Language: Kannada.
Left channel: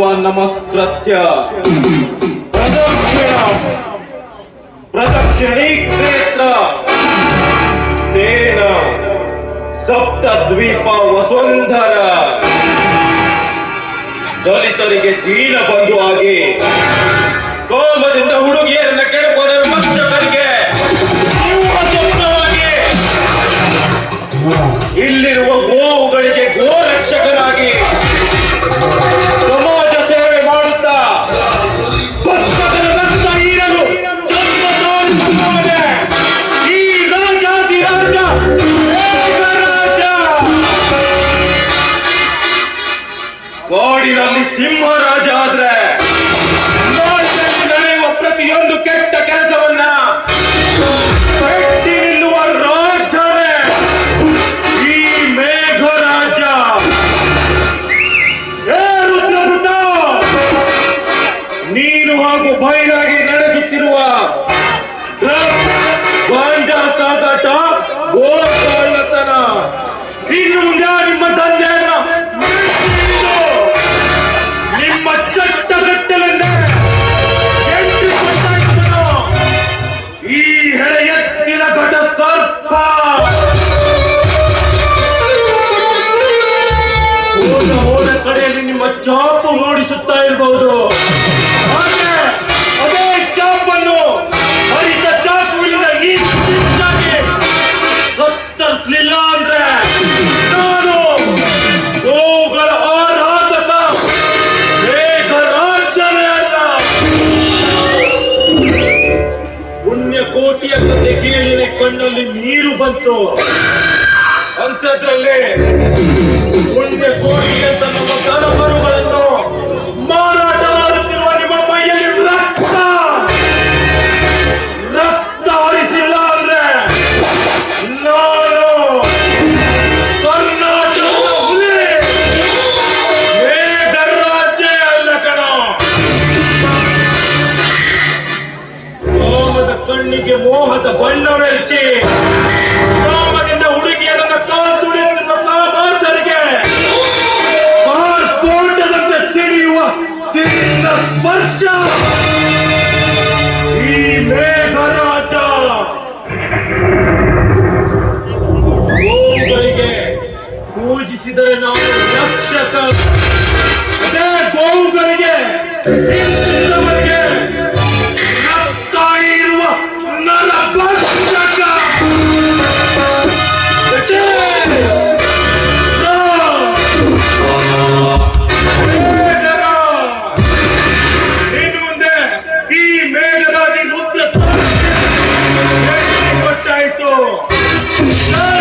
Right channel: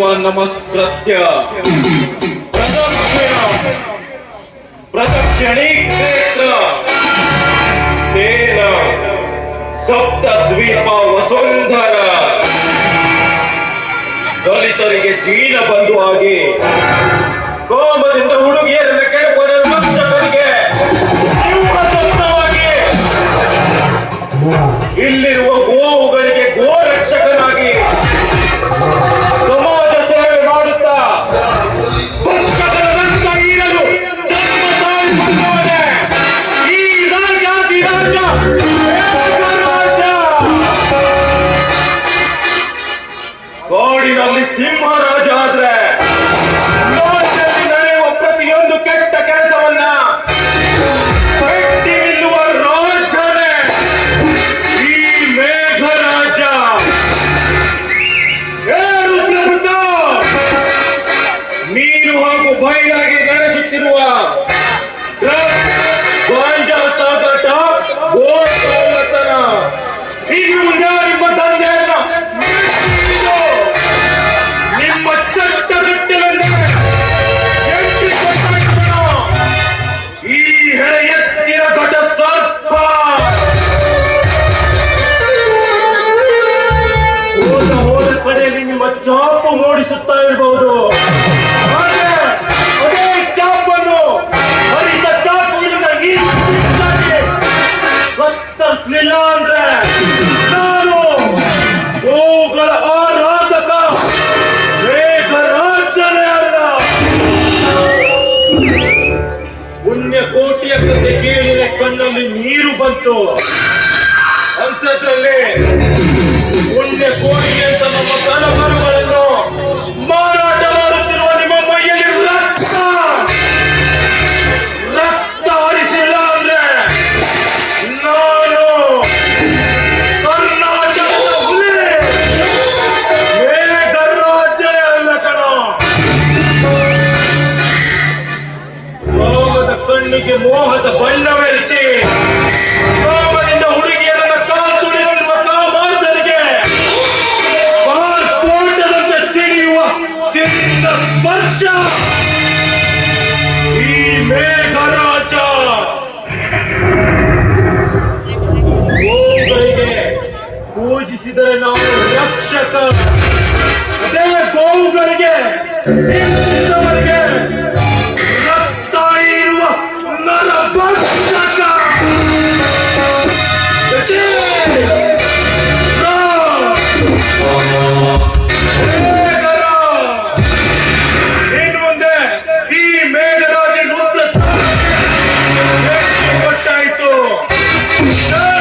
ಶಿವ ನಮಸ್ಕೃತ್ಯ. ಪ್ರದಕ್ಷಿಣ. ಪ್ರದಕ್ಷಿಣಿ ಕ್ಷೇತ್ರ. ತೇನ ಸಪ್ತ ದ್ವೀಪ ವಸುಂಧರ. ದಲಿತರಿಗೆ ದೀನ ಬಂಧು ಆಗಿ ಗೋಮತಿ ಕಾಡಿನಲ್ಲಿ ಸಿಂಹರಾಜ ಆದ್ರೆ ನಾಡಿನಲ್ಲಿ ನಡೆಯುವ ಪ್ರತಿಯೊಂದು ಕೆಟ್ಟ ಕೆಲಸವನ್ನ ಕಟ್ಟಿ ನಿಲ್ಲುವ ರಾಜನೇ ಈ ಮೇಘರಾಜ. ಏ ರುದ್ರಪುತ್ರ ನೀನು ಹಾಗೂ ಬಯಲಾಗಿ ನಡೆಸುತ್ತಿರುವ ಕೋಟಿಯ ಕತೆ ಕೇಳಿದ ಕಣ್ಣಲ್ಲಿ ನೀರು ಬಂತು. ಅಂತದ್ರಲ್ಲಿ ಮುಂದೆ ಕೋಟಿ ಮೋಹದ ಬಣ್ಣವೆರಚಿ ಕಾಮದಿಂದ ಹುಡುಗಿಯರನ್ನ ಕಾಲ್ ತುಳಿಯುತ್ತಿರುವ ಕಾಮಾಂತರಿಗೆ ಸ್ಫೋಟದಂತೆ ಸಿಡಿಯುವ ಸಿಡಿದ ಸ್ಪರ್ಶ. ಈ ಮೇಘರಾಜ ಪೂಜಿಸಿದರೆ ನಾವು ರಕ್ಷಕ. ಅದೇ ಗೋವುಗಳಿಗೆ Let's go!